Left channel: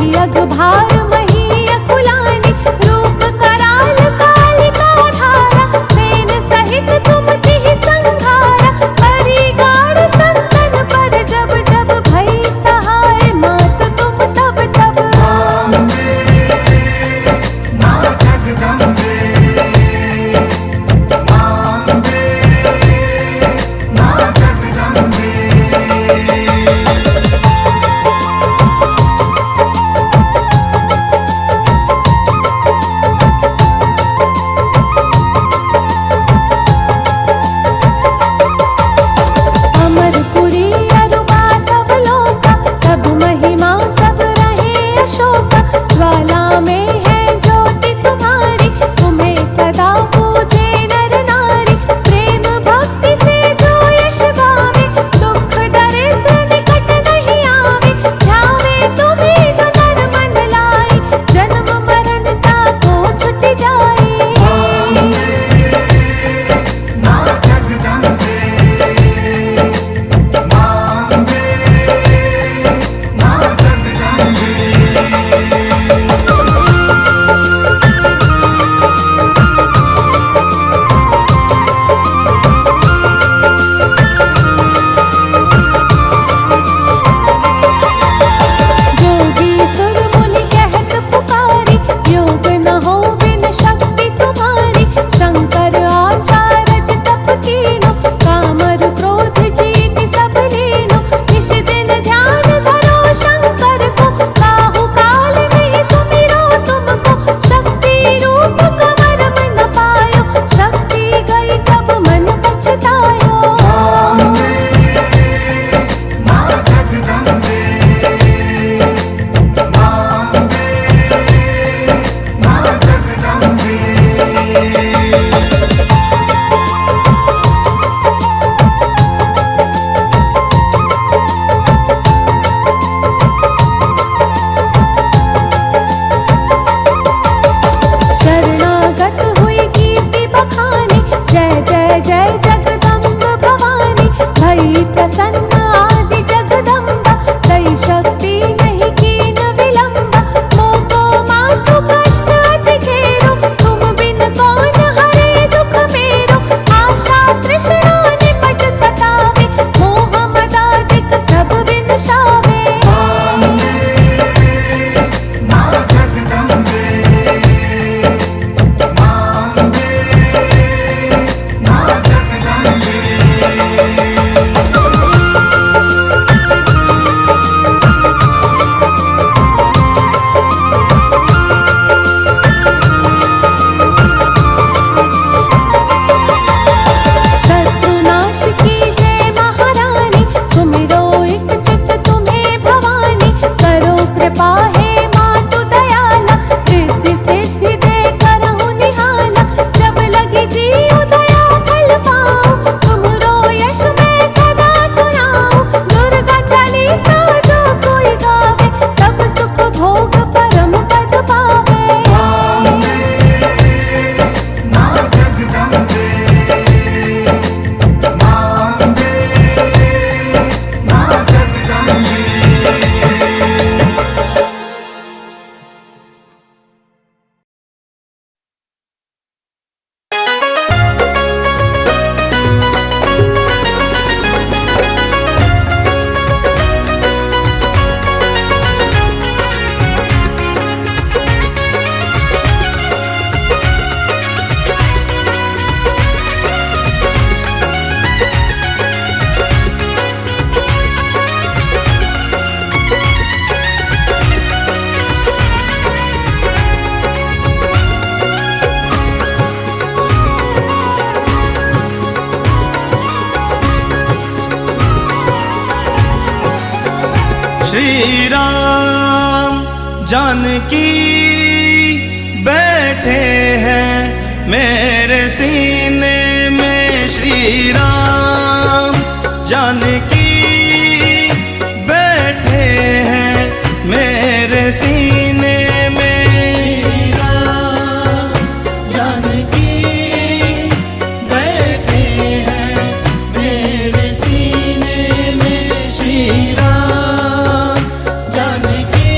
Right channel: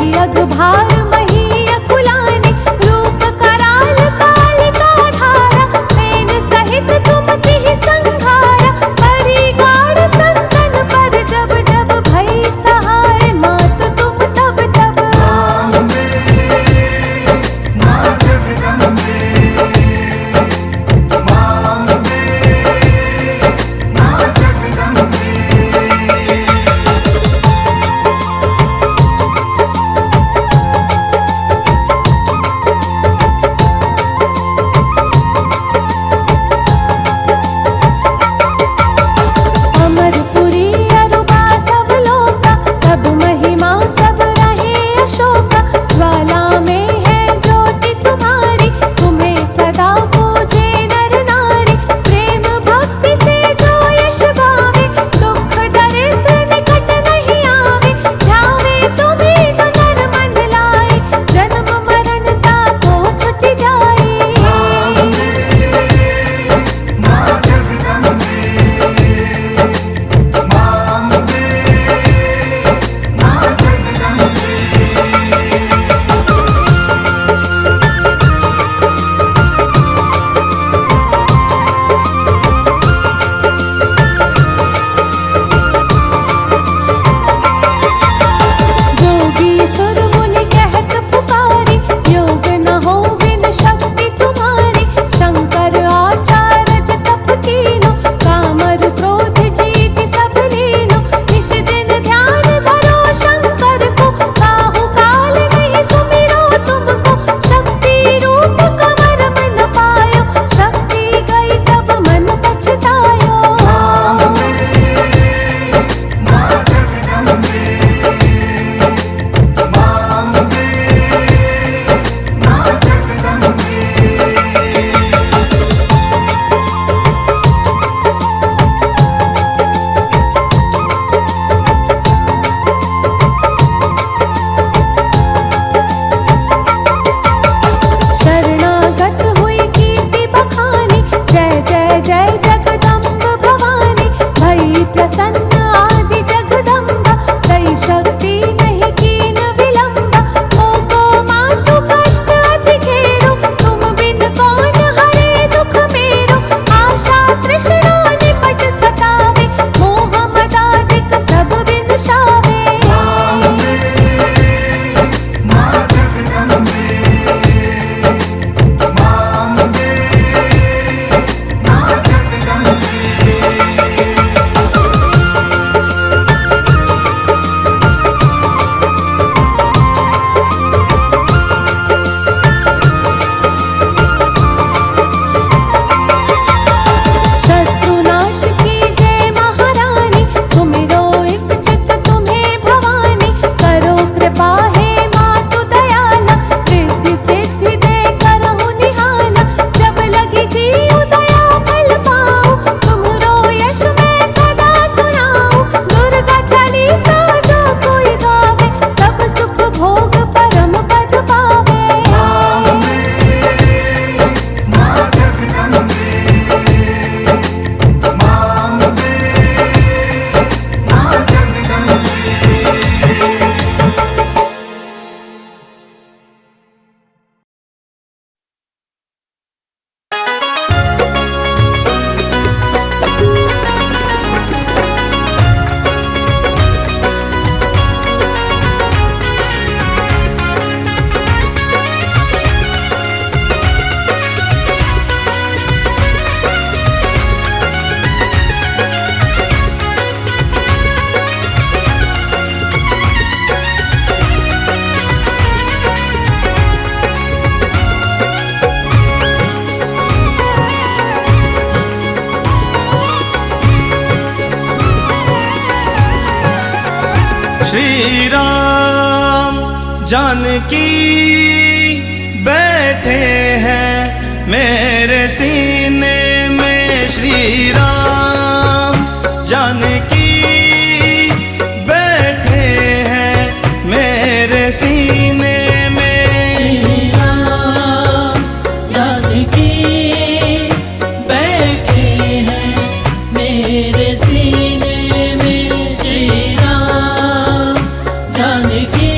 मही अगभार मही अकुलानी, रूप कराल कालिका धारा, सेन सहित तुम तिहि संघारा, परी गाढ़ संतन पर जब जब भई सहाय, मात तुम तब तब। अमरपुरी अरुबा सब लोका, तब महिमा सब रहे अशोका, ज्वाला में है ज्योति तुम्हारी, तुम्हें सदा पूजे नर नारी, प्रेम भक्ति से जो यश गावे, दुख दरिद्र निकट नहीं आवे, ध्यावे तुम्हें जो नर मन लाए, जन्म मरण ताको छुट जाए। सुर मुनि कहत पुकारी, योग न हो बिन शक्ति तुम्हारी, शंकर आचार्य तप कीनो, कामर क्रोध जीत सब लीनो, निश दिन ध्यान धरो शंकर को, काहू काल नहीं सुमिरो तुमको, शक्ति रूप कमर मन पायो, शक्ति गई तब मन पछतायो। शरणागत हुई कीर्ति बखानी, जय जय जय जगदम्ब भवानी, भई प्रसन्न आदि जगदम्बा, दई शक्ति नहीं कीन विलंबा, मोको मातु कष्ट अति घेरो, तुम बिन कौन हरे दुख मेरो, आशा तृष्णा निपट सतावे, मोह मदादिक सब विनशावे। शत्रुनाश की जय महारानी, सुमिरो एक चित तुम्हें भवानी, करो कृपा है मातु दयाला, रिद्धि सिद्धि दे करहु निहाला, जब लगी जीव दया फल पाऊं, तुमरो यश मैं सदा सुनाऊं, दुर्गा चालीसा जो कोई गावे, सब सुख भोग परम पद पावे। श्री राम जानकी बैठे हैं मेरे सीने में, श्री राम जानकी बैठे हैं मेरे सीने में। श्री राम जानकी बैठे हैं मेरे सीने में, श्री राम जानकी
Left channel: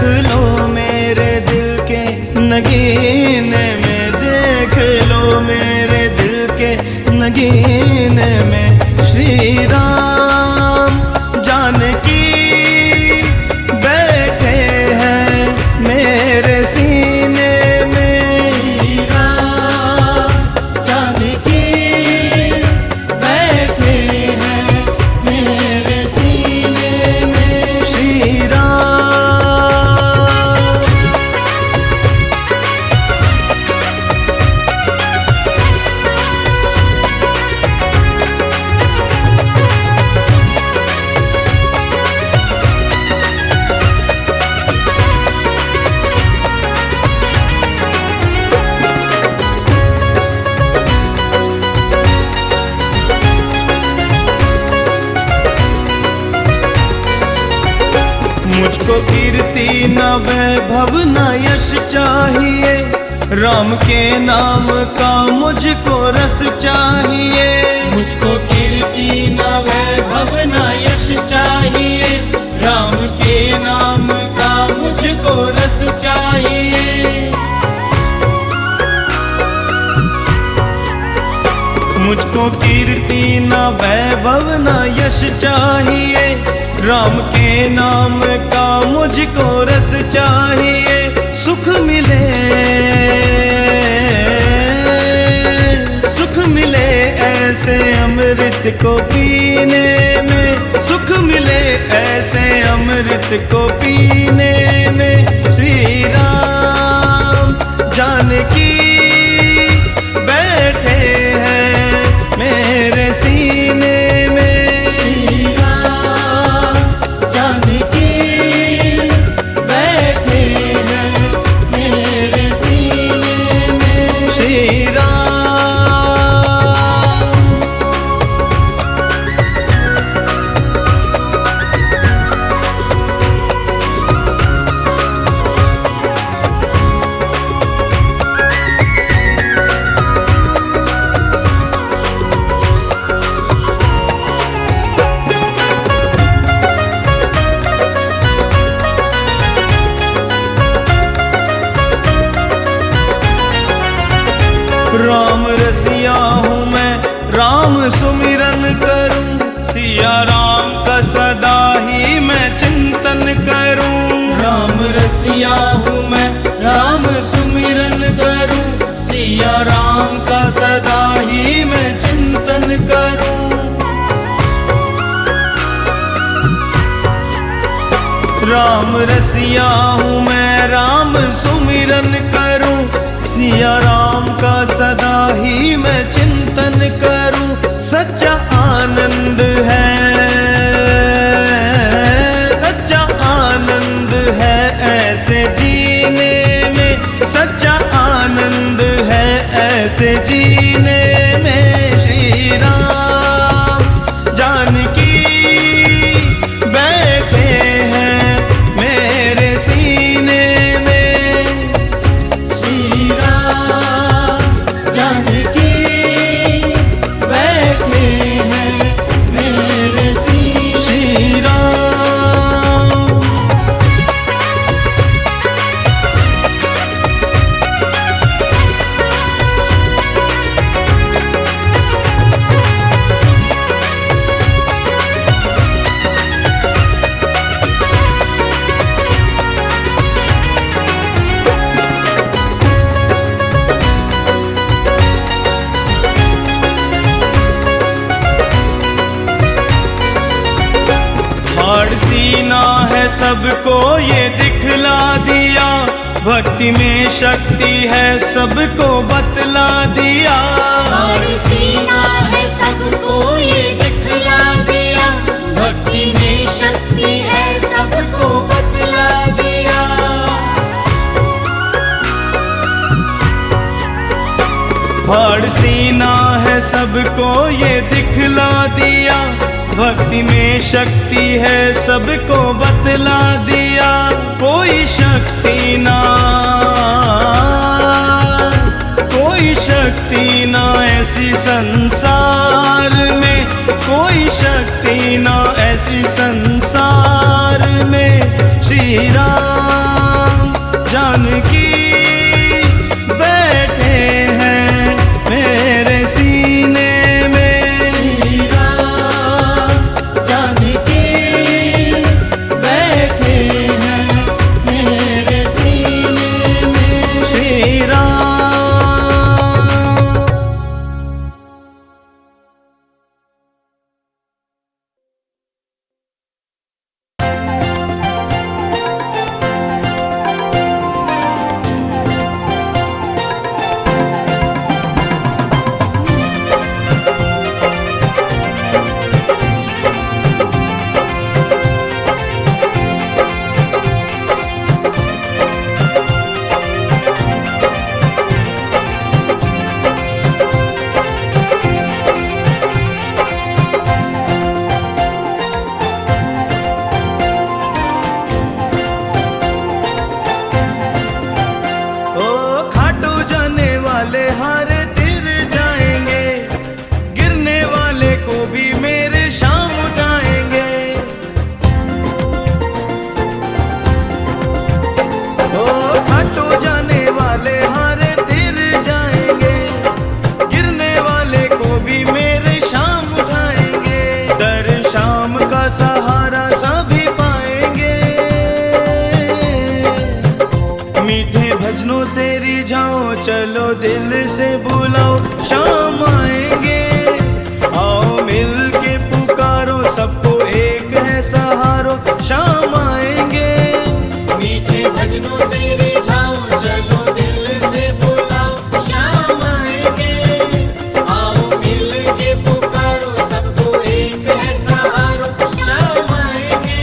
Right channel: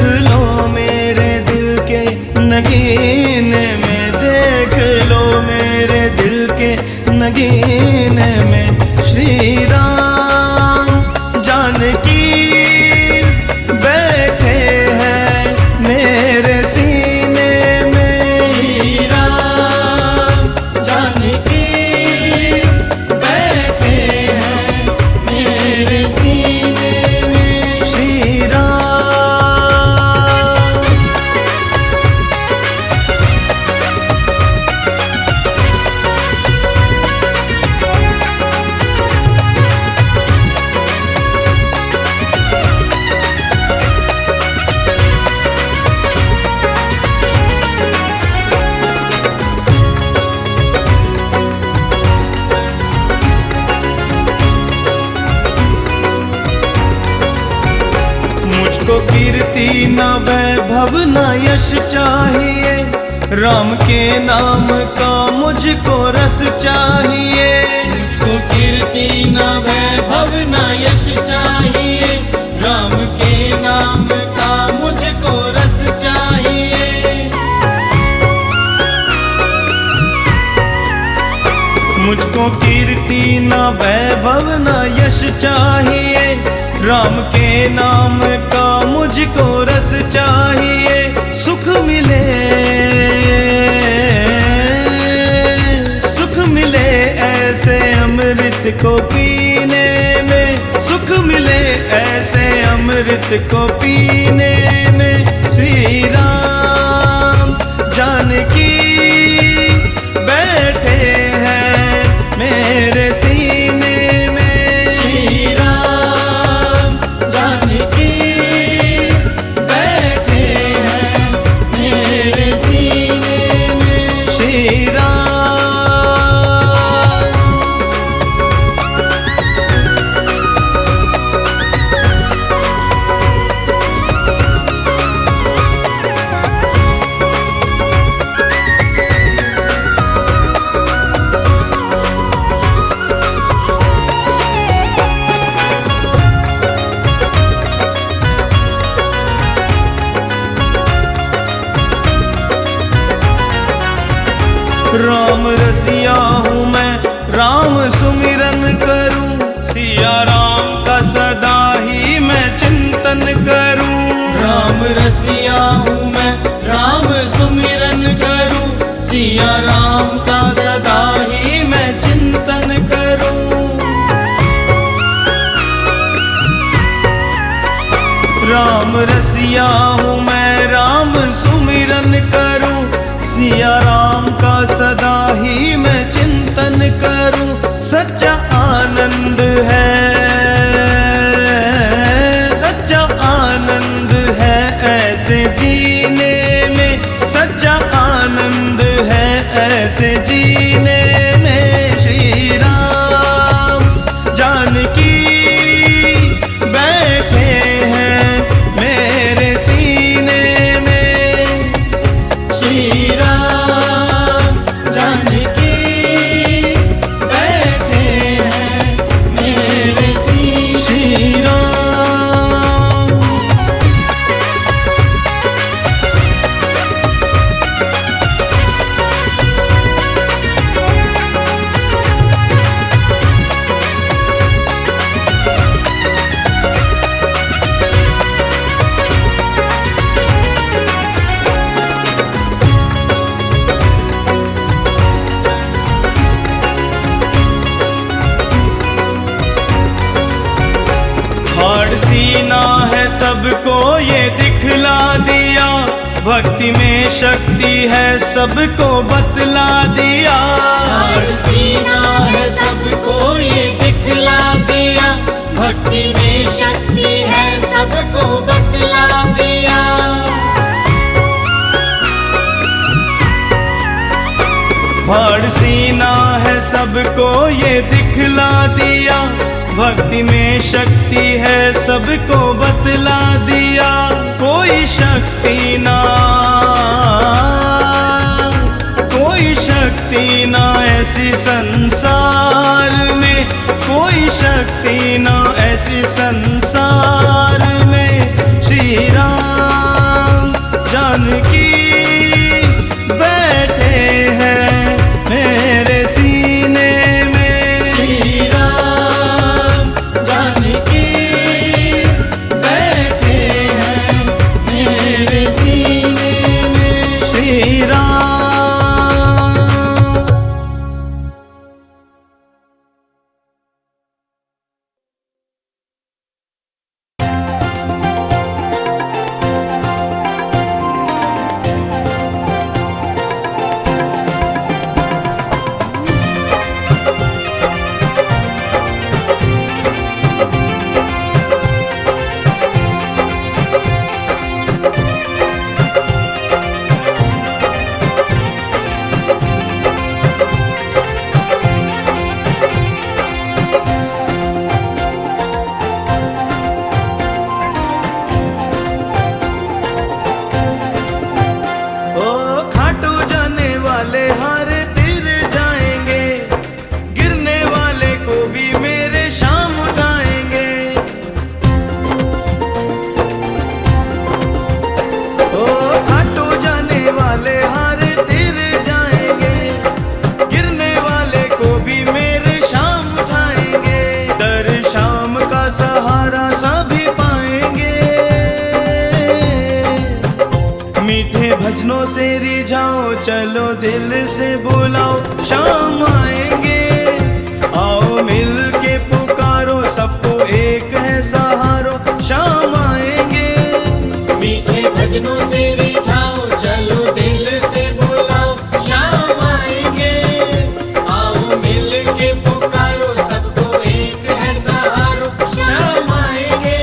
देख लो मेरे दिल के नगीने में, देख लो मेरे दिल के नगीने में। श्री राम जानकी बैठे हैं मेरे सीने में। श्री राम जानकी बैठे हैं मेरे सीने में। श्री राम मुझको कीर्ति न वैभव न यश चाहिए, राम के नाम का मुझको रस चाहिए। मुझको कीर्ति न वैभव न यश चाहिए, राम के नाम का मुझको रस चाहिए। मुझको कीर्ति न वैभव न यश चाहिए, राम के नाम का मुझको रस चाहिए। सुख मिले, सुख मिले ऐसे अमृत को पीने में, सुख मिले ऐसे अमृत को पीने में। श्री राम जानकी बैठे हैं मेरे सीने में। श्री राम राम रसिया हूँ मैं, राम सुमिरन करूँ, सिया राम का सदा ही मैं चिंतन करूँ। राम रसिया हूँ मैं, राम सुमिरन करूँ, सिया राम का सदा ही मैं चिंतन करूँ। राम रसिया हूँ मैं, राम सुमिरन करूँ, सिया राम का सदा ही मैं चिंतन करूं। सच्चा आनंद है, सच्चा आनंद है ऐसे जीने में, सच्चा आनंद है ऐसे जीने में। श्री राम जानकी बैठे हैं मेरे सीने में। श्री राम जानकी बैठे हैं मेरे सीने। श्री राम हाड़ सीना है सबको ये दिखला दिया, भक्ति में शक्ति है सबको बतला दिया। हाड़ सीना है सबको ये दिखला दिया, भक्ति में शक्ति है सबको बतला दिया। हाड़ सीना है सबको ये दिखला दिया, भक्ति में शक्ति है सबको बतला दिया। कोई शक्ति ना, कोई शक्ति ना ऐसी संसार में, कोई शक्ति ना ऐसी संसार में। श्री राम जानकी बैठे हैं मेरे सीने में। श्री राम जानकी बैठे हैं मेरे सीने में। श्री राम। वाले हारे तिर जाएंगे, गिरने वाले को भी मेरे शाम उठाएंगे। ओ खाटू जाने वाले हारे तिर जाएंगे, गिरने वाले को भी मेरे शाम उठाएंगे। दर शाम का सहारा सभी पाएंगे, मीठे भजनों से रिझाओ, चलो दिल से बुलाओ, शाम आएंगे। आओ मिल के पुकारो, सबको एक है सहारो, शाम आएंगे। मीठे भजनों से रिझाओ, चलो दिल से बुलाओ, शाम आएंगे। आओ मिल के पुकारो, सबको एक है सहारो, शाम आएंगे।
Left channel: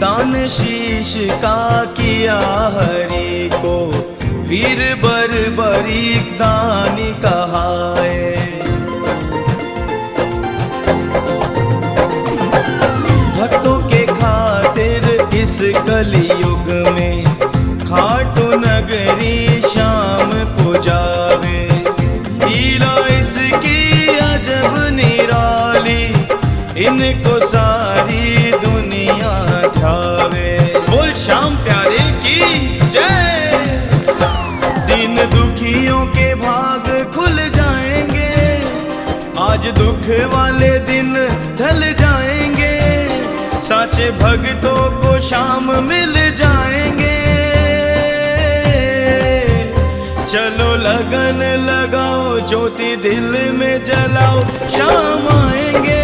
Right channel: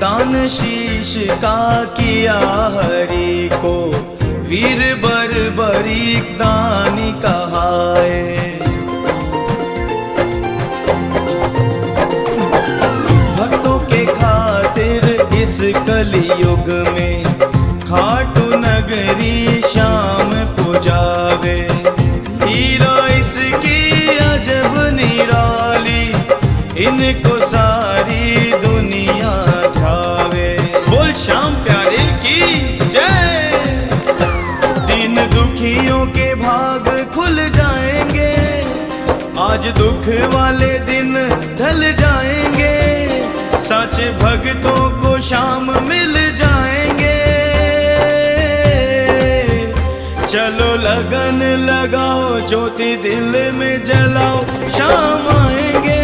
दान शीश का किया हरि को, वीर बर्बरीक दानी कहाए। भक्तों के खातिर इस कलयुग में खाटू नगरी शाम पुजावे। हीरा इसकी अजब निराली, इनको सारी दुनिया ध्यावे। बोल श्याम प्यारे की जय। दिन दुखियों के भाग खुल जाएंगे, आज दुख वाले दिन ढल जाएंगे। साचे भक्तों को शाम मिल जाएंगे। चलो लगन लगाओ, ज्योति दिल में जलाओ, शाम आएंगे।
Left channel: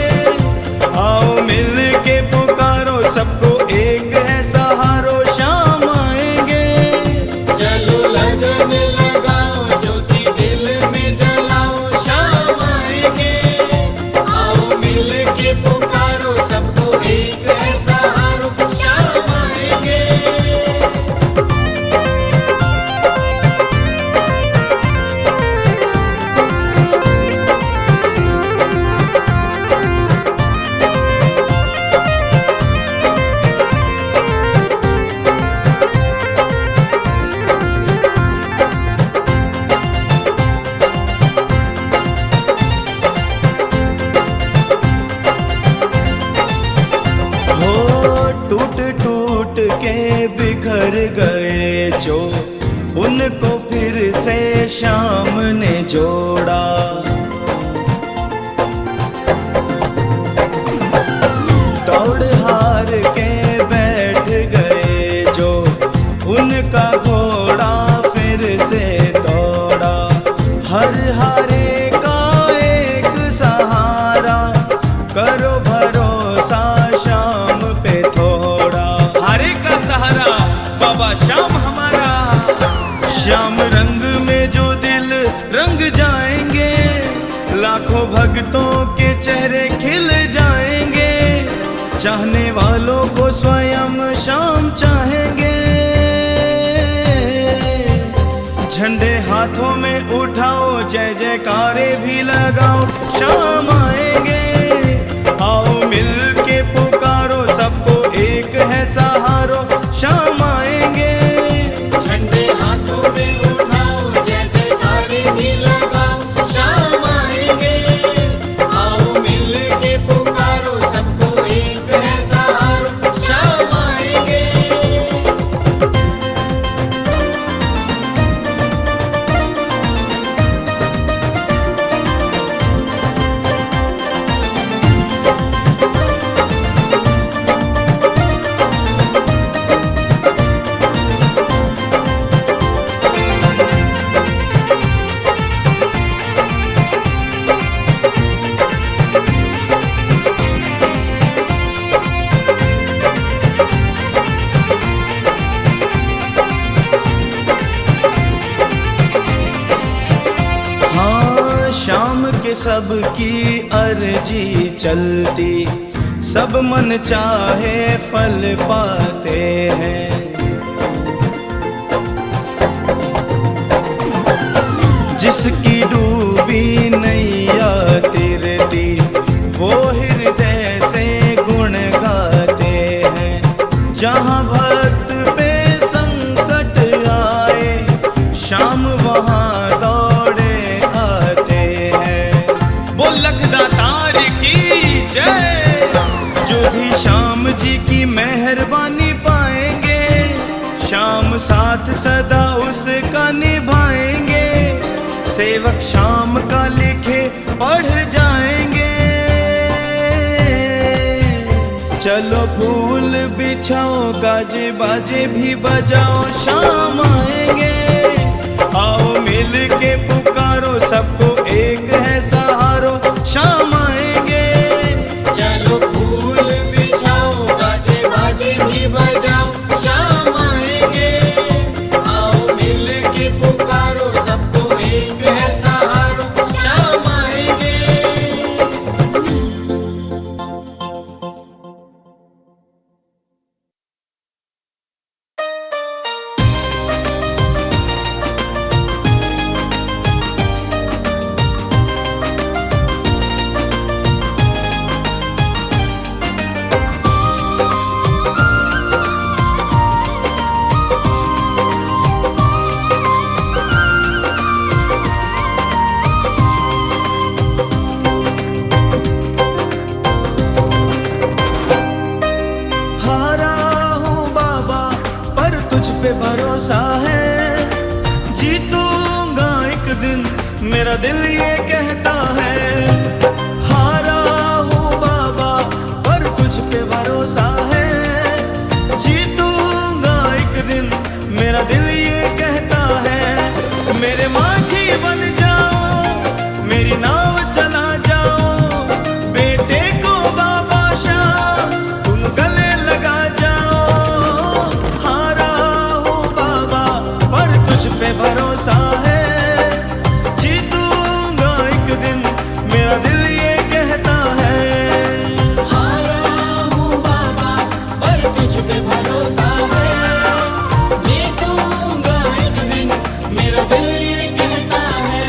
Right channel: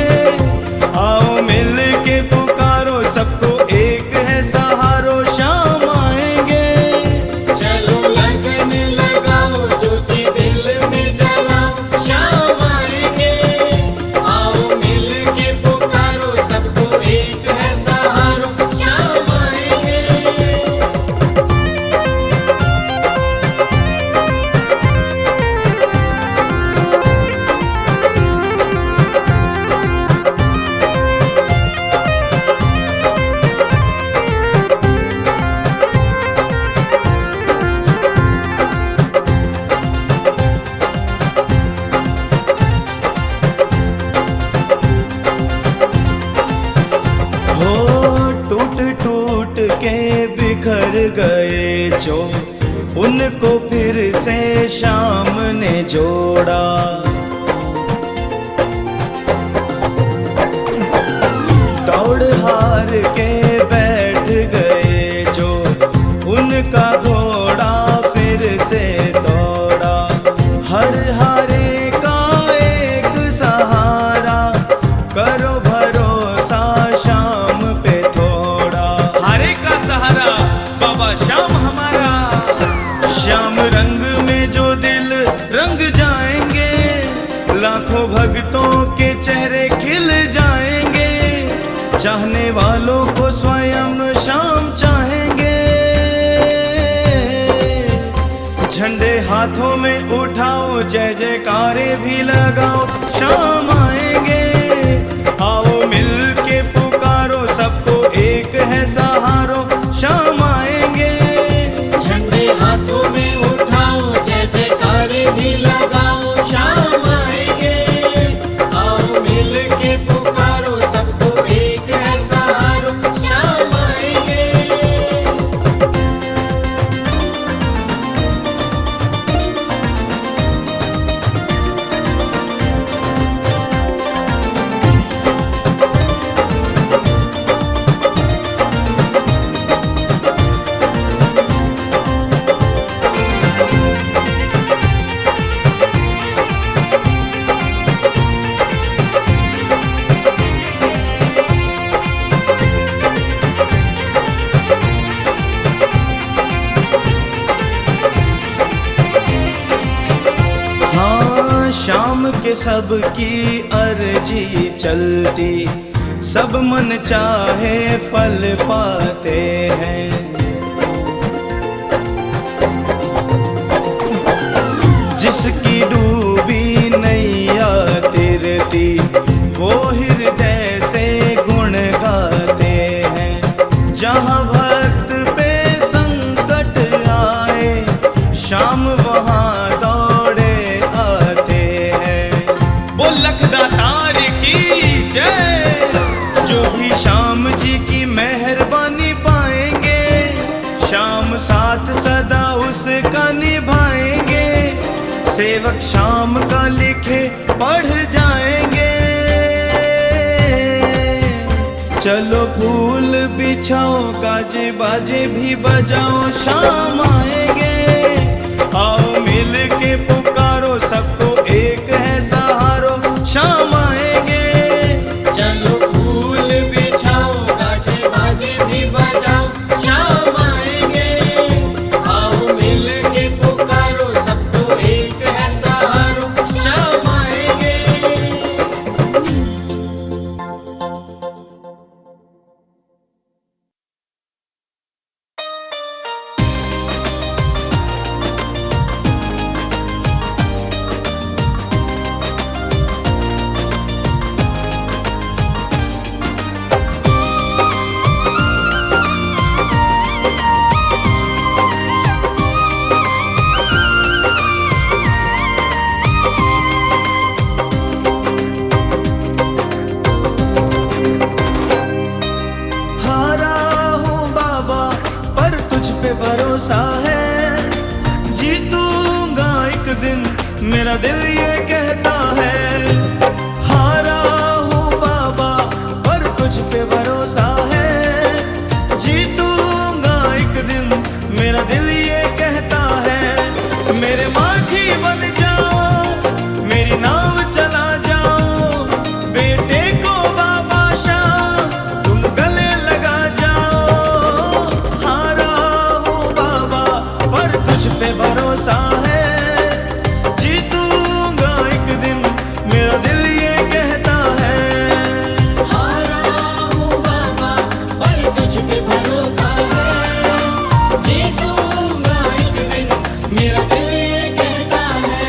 आओ मिल के पुकारो, सबको एक है सहारो, शाम आएंगे। चलो लगन लगाओ, ज्योति दिल में जलाओ, शाम आएंगे। आओ मिल के पुकारो, सबको एक है सहारो, शाम आएंगे। टूट टूट के बिखर गए जो, उनको फिर से शाम ने जोड़ा। दौड़ हार के बैठ गए जो, उनका घोड़ा फिर से दौड़ा। हर हारे का एक सहारा, करो भरोसा शाम पे थोड़ा। हारे का सहारा बाबा श्याम हमारा। श्याम रंग में जो दिल रंग जाएंगे, लाखों भक्तों के चेहरे खिल जाएंगे, चाहने वालों को स्वयं शाम चाहेंगे। झंडे हाथों में उठाओ, जय जयकारे भी लगाओ, शाम आएंगे। आओ मिल के पुकारो, सबको एक है सहारो, शाम आएंगे। झंडे हाथों में उठाओ, जय जयकारे भी लगाओ, शाम आएंगे। आओ मिल के पुकारो, सबको एक है सहारो, शाम आएंगे। हाँ, शाम के सबकी अर्जी चलती, सब मन चाहे फल पाते हैं। जिसकी डूबी नैया तिरती, वो हृदय से गुण गाते हैं। जहाँ भक्त पे संकट आए, शाम वहाँ दौड़े आते हैं। वो लखदातार की जय, जो भी शाम जी की मेहरबानी पाएंगे, शाम साथ सदा उसका निभाएंगे। सेवक शाम का लिखे पढ़ जाएंगे। चलो फूल बिछाओ, गाजे बाजे भी बजाओ, शाम आएंगे। आओ मिल के पुकारो, सबको एक है सहारो, शाम आएंगे। चलो फूल बिछाओ, गाजे बाजे भी बजाओ, शाम आएंगे। आओ मिल के पुकारो, सबको एक है सहारो, शाम आएंगे। तुझ पे भरोसा है, जीतूंगा एक दिन, मेरा दिल ये कहता है। हारा हूँ बाबा पर तुझ पे भरोसा है, जीतूंगा एक दिन, मेरा दिल ये कहता है। मेरे माझी बन जाओ, मेरी नाव चला जाओ, बेटे को बाबा शाम तुम गले लगा जाओ। पे भरोसा है, जीतूंगा एक दिन, मेरा दिल ये कहता है। हारा हूँ बाबा पर तुझ पे भरोसा है, जीतूंगा एक दिन, मेरा दिल ये कहता है।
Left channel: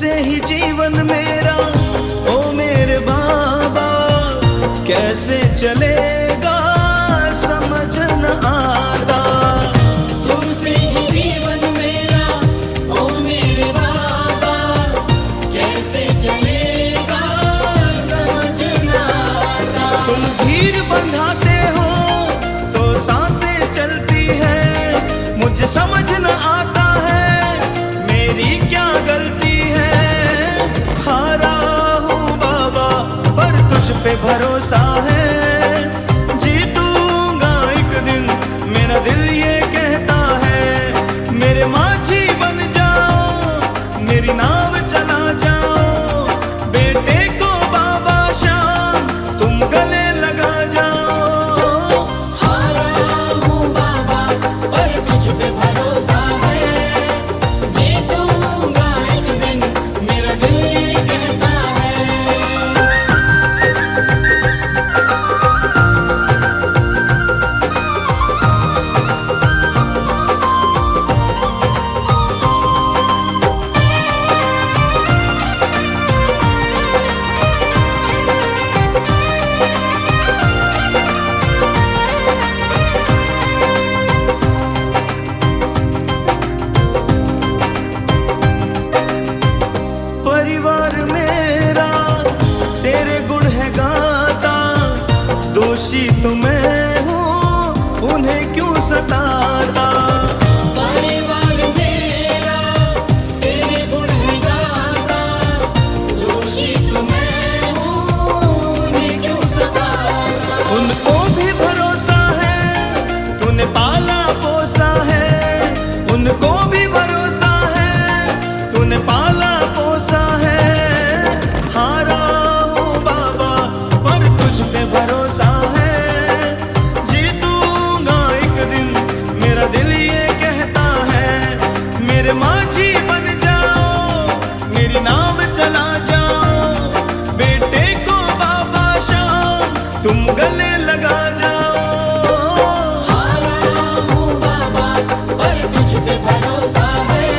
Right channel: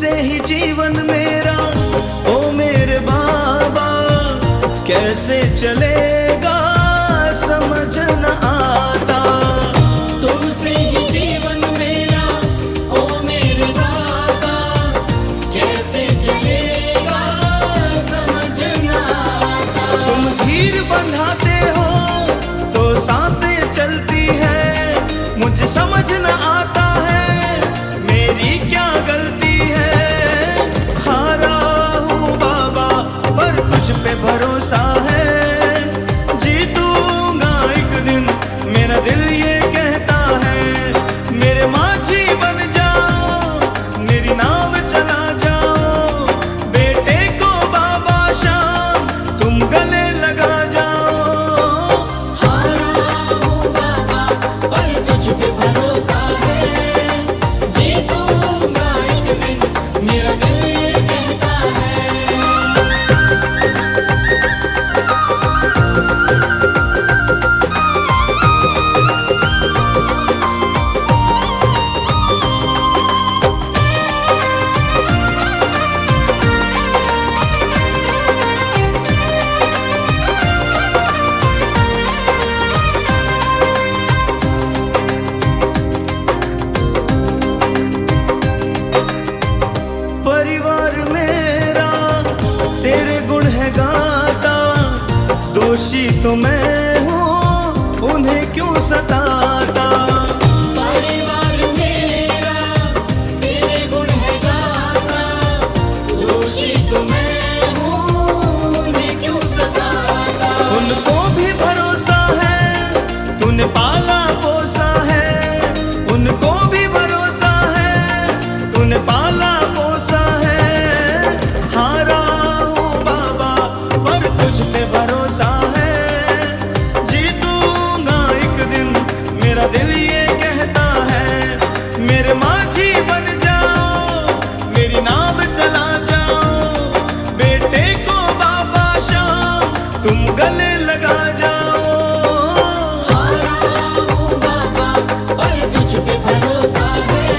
तुमसे ही जीवन मेरा ओ मेरे बाबा, कैसे चलेगा समझ न आता। तुमसे ही जीवन मेरा ओ मेरे बाबा, कैसे चलेगा समझ न आता। तुम धीर बंधाते हो तो सांसें चलती है, मुझे समझ न आता है मेरी क्या गलती है। हारा हूँ बाबा पर तुझ पे भरोसा है, जीतूंगा एक दिन मेरा दिल ये कहता है। मेरे माझी बन जाओ, मेरी नाव चला जाओ, बेटे को बाबा शाम तुम गले लगा जाओ। हारा हूँ बाबा पर तुझ पे भरोसा है, जीतूंगा एक दिन मेरा दिल ये कहता है। परिवार मेरा तेरे गुण है गाता, दोषी तो मैं हूँ उन्हें क्यों सताता। परिवार मेरा तेरे गुण है गाता, दोषी तो मैं हूँ उन्हें क्यों सताता। उनको भी भरोसा है तूने पाला पोसा है, उनको भी भरोसा है तूने पाला पोसा है। हारा हूँ बाबा पर तुझ पे भरोसा है, जीतूंगा एक दिन मेरा दिल ये कहता है। मेरे माझी बन जाओ, मेरी नाव चला जाओ, बेटे को बाबा शाम तुम गले लगा जाओ। हारा हूँ बाबा पर तुझ पे भरोसा है,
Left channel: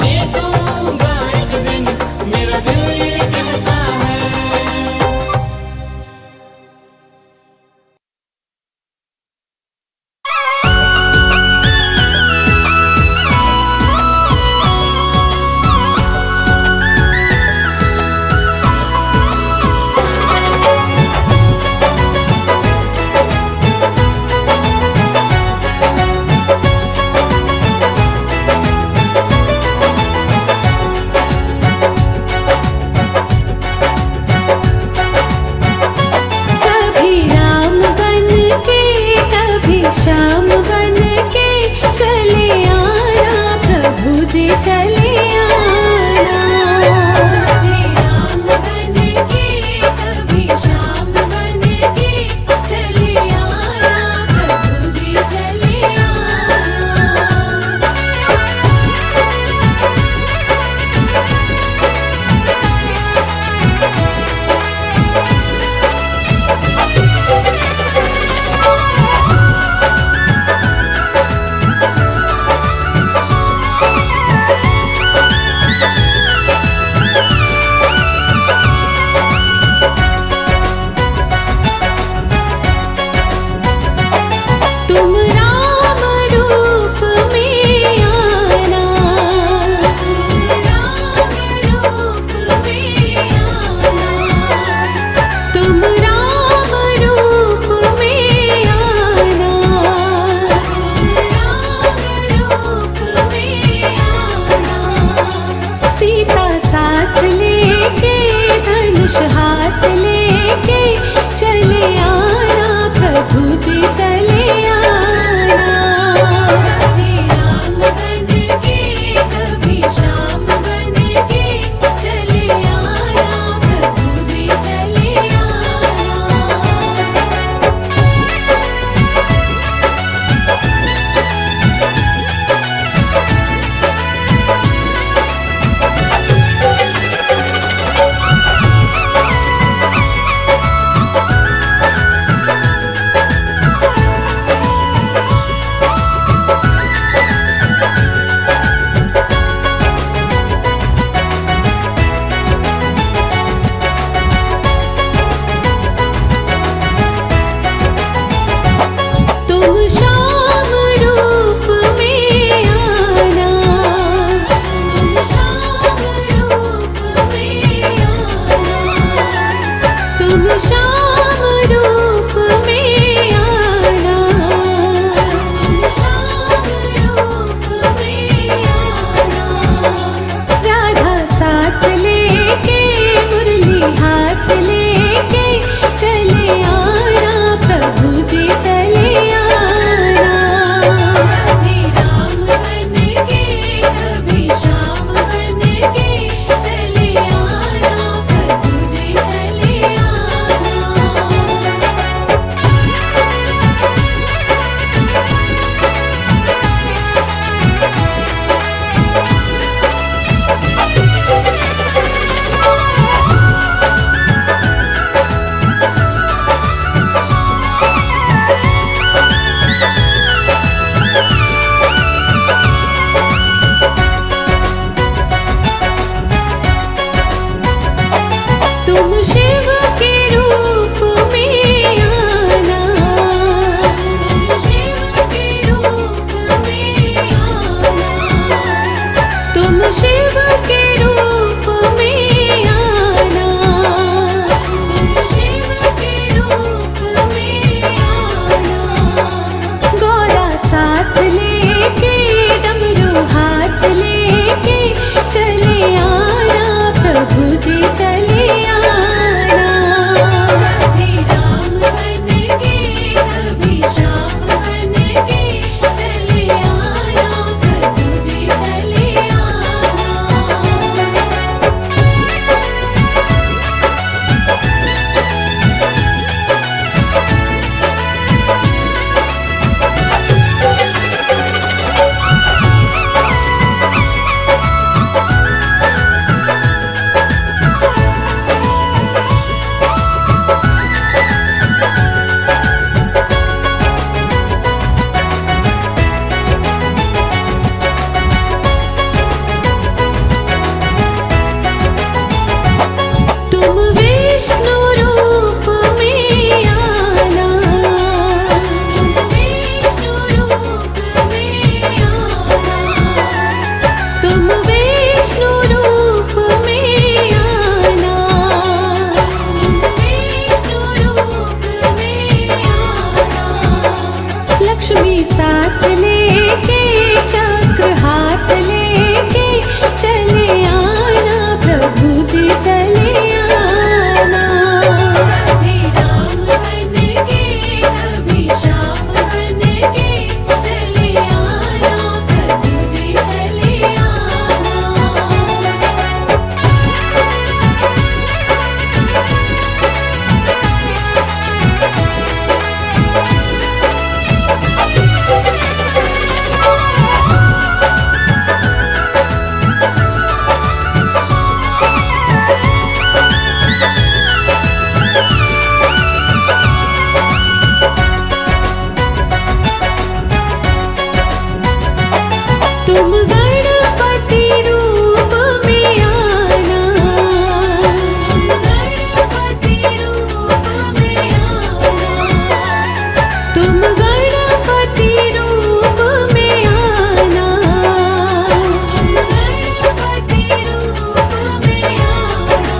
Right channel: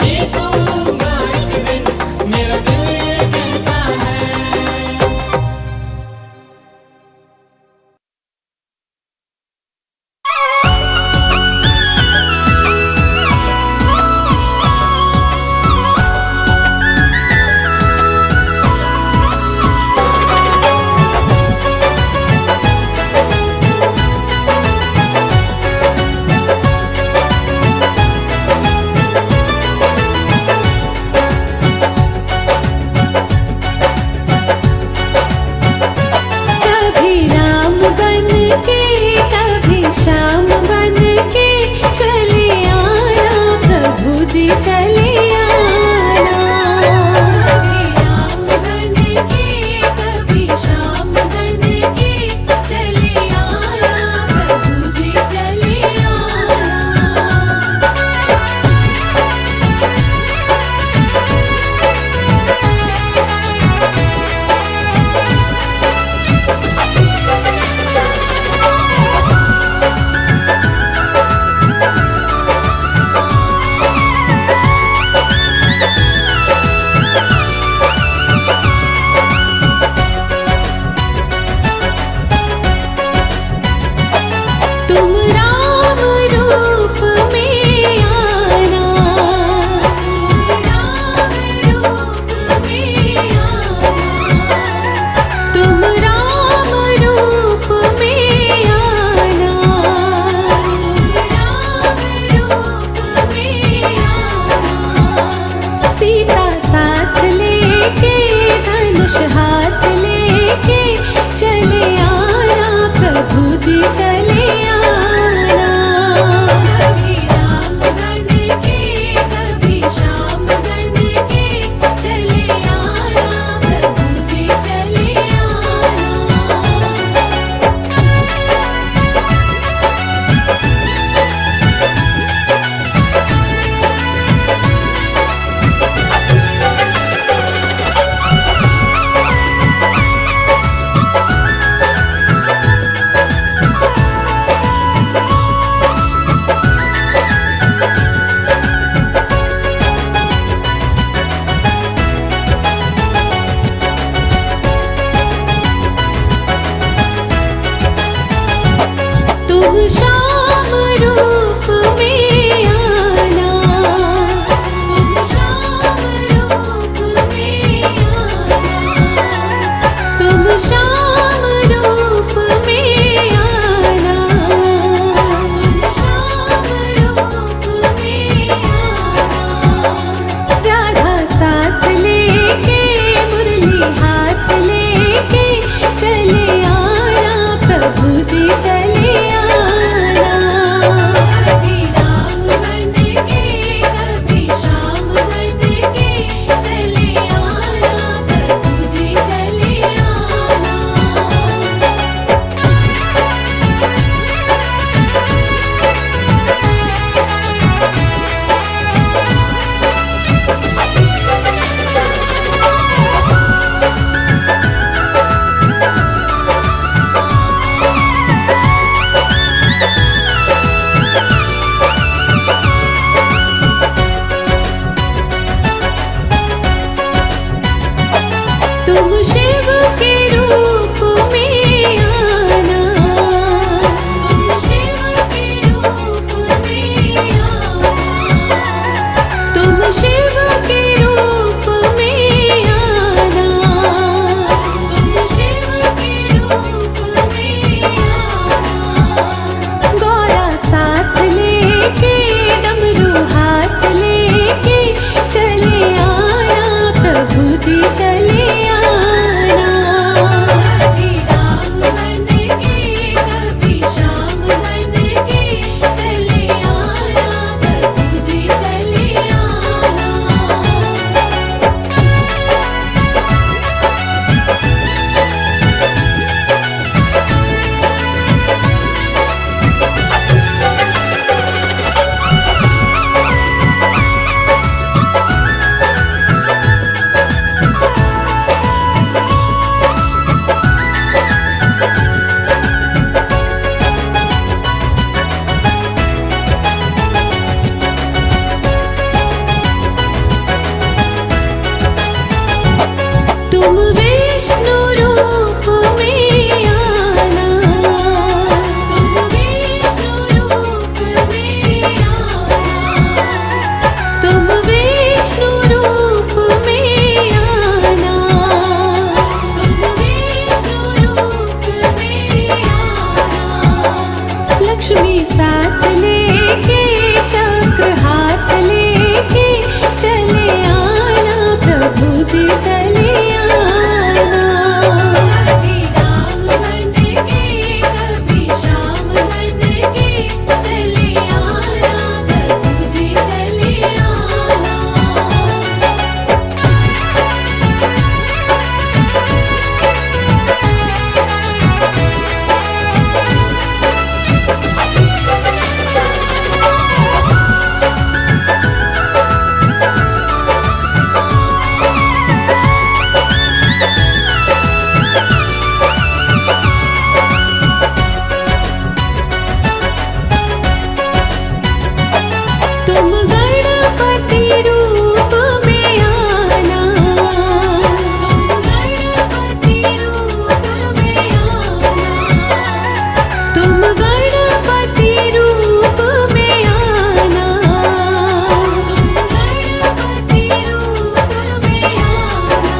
जीतूंगा एक दिन मेरा दिल ये कहता है। कभी राम बन के कभी श्याम बन के चले आना प्रभु जी चले आना। कभी राम बन के कभी श्याम बन के चले आना प्रभु जी चले आना। तुम राम रूप में आना, तुम राम रूप में आना, सीता साथ लेके धनुष हाथ लेके चले आना प्रभु जी चले आना। कभी राम बन के कभी श्याम बन के चले आना प्रभु जी चले आना। शिव के रूप में आना, तुम शिव के रूप में आना, तुम शिव के रूप में आना, तुम शिव के रूप में आना। गौरा साथ लेके डमरू हाथ लेके चले आना, प्रभु जी चले आना। कभी राम बन के कभी श्याम बन के चले आना, प्रभु जी चले आना। तुम विष्णु रूप में आना, तुम विष्णु रूप में आना, तुम विष्णु रूप में आना। लक्ष्मी साथ लेके चक्र हाथ लेके चले आना, प्रभु जी चले आना। कभी राम बन के कभी श्याम बन के चले आना, प्रभु जी चले आना। तुम गणपति रूप में आना, तुम गणपति रूप में आना, तुम गणपति रूप में आना।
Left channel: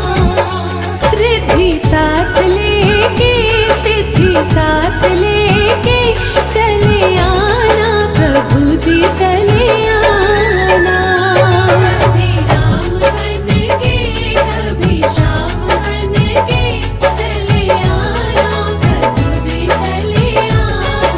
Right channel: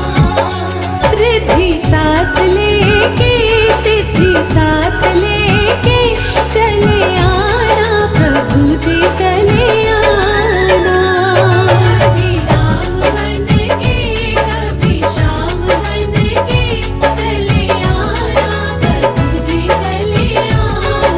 रिद्धि साथ लेके सिद्धि साथ लेके चले आना, प्रभु जी चले आना। कभी राम बन के कभी श्याम बन के चले आना, प्रभु जी चले आना।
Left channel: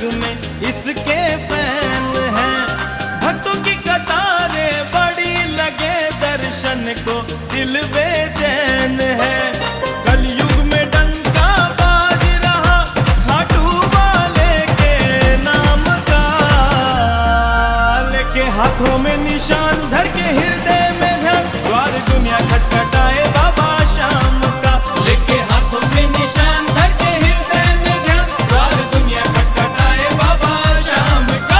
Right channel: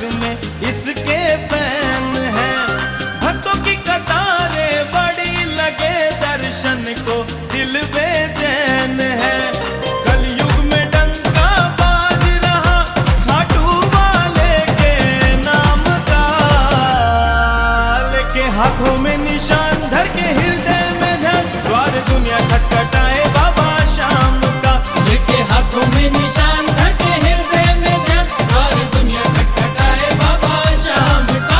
जग में इसके फैन हैं। भक्तों की कतारें बड़ी लगे, दर्शन को दिल बेचैन है। कलयुग में डंका बाज रहा खाटू वाले के नाम का, लेके हाथों में निशान धर के हृदय में ध्यान, द्वार दुनिया खटखटाए बाबा शाम का। लेके हाथों में निशान धर के हृदय में ध्यान, द्वार दुनिया खटखटाए बाबा शाम का।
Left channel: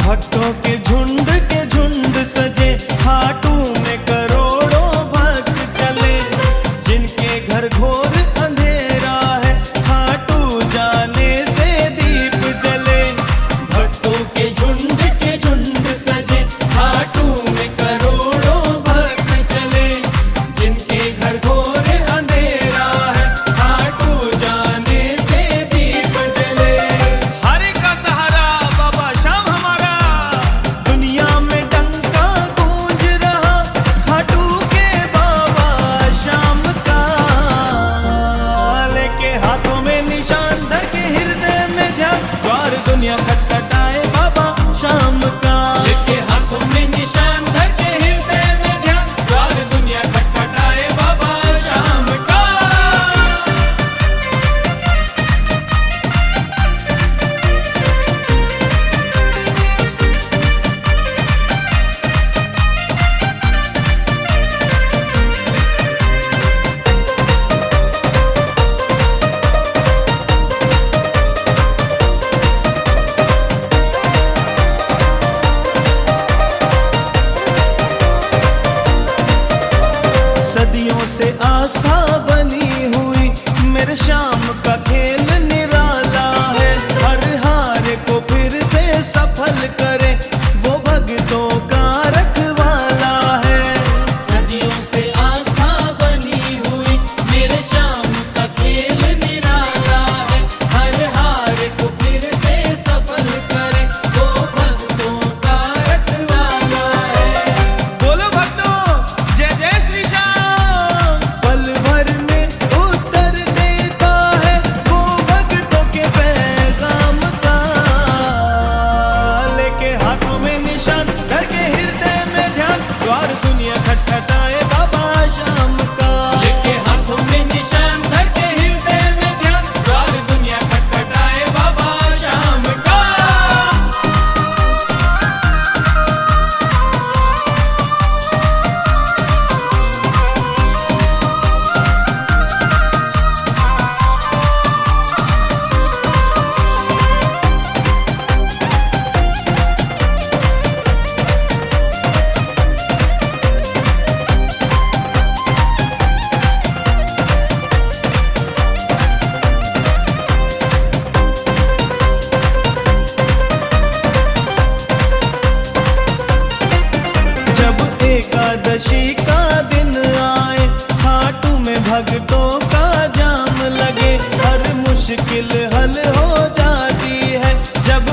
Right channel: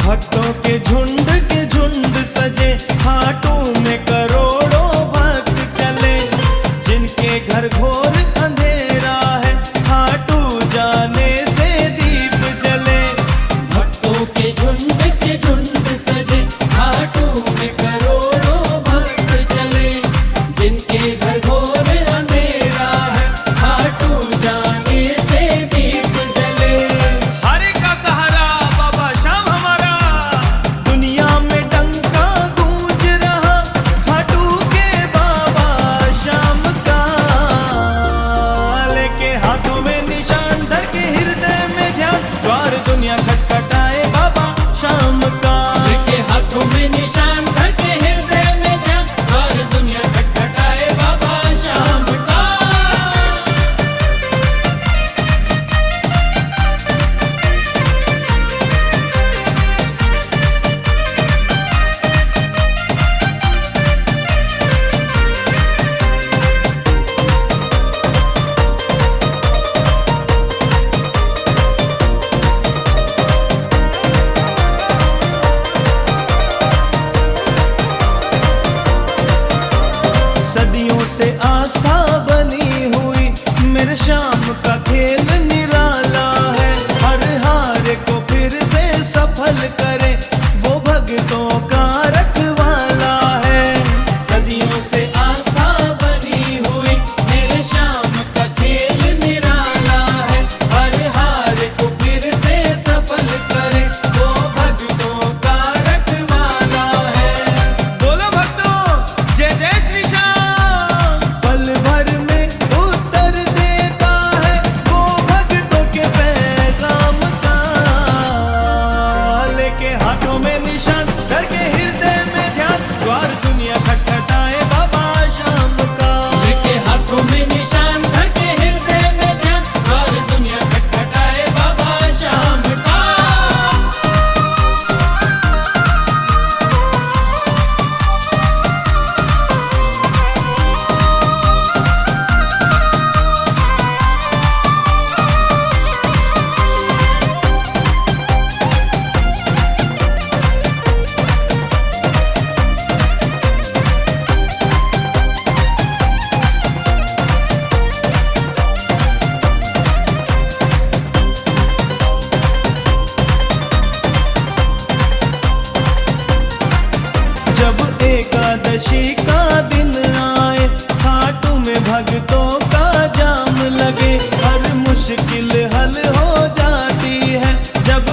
भक्तों के झुंड सजे, हाटू में करोड़ों भक्त चले। जिनके घर घोर अंधेरा है, हाटू जाने से दीप जले। भक्तों के झुंड सजे, हाटू में करोड़ों भक्त चले। जिनके घर घोर अंधेरा है, हाटू जाने से दीप जले। हरे का सहारा बाबा शाम हमारा, दुनिया में डंका गूंज रहा खाटू के बाबा शाम का। लेके हाथों में निशान धर के हृदय में ध्यान, द्वार दुनिया खटखटाए बाबा शाम का। लेके हाथों में निशान धर के हृदय में ध्यान, द्वार दुनिया खटखटाए बाबा शाम का। सदियों से आस्था बनी हुई, मेरे शाम का खेल निराला है। हर हार को फिर से सफल करे, वो भक्तों का रखवाला है। सदियों से आस्था बनी हुई, मेरे शाम का खेल निराला है। हर हार को फिर से सफल करे, वो भक्तों का रखवाला है। बोलो भक्तों जय जय श्री श्याम। पल भर में उत्तर देता है वो भक्तों के पैगाम का। लेके हाथों में निशान धर के हृदय में ध्यान, द्वार दुनिया खटखटाए बाबा शाम का। लेके हाथों में निशान धर के हृदय में ध्यान, द्वार दुनिया खटखटाए बाबा शाम का। जब एकादशी का दिन आए, हाटू में भक्तों का जाम लगे। हर मुश्किल हल हो जाती है जब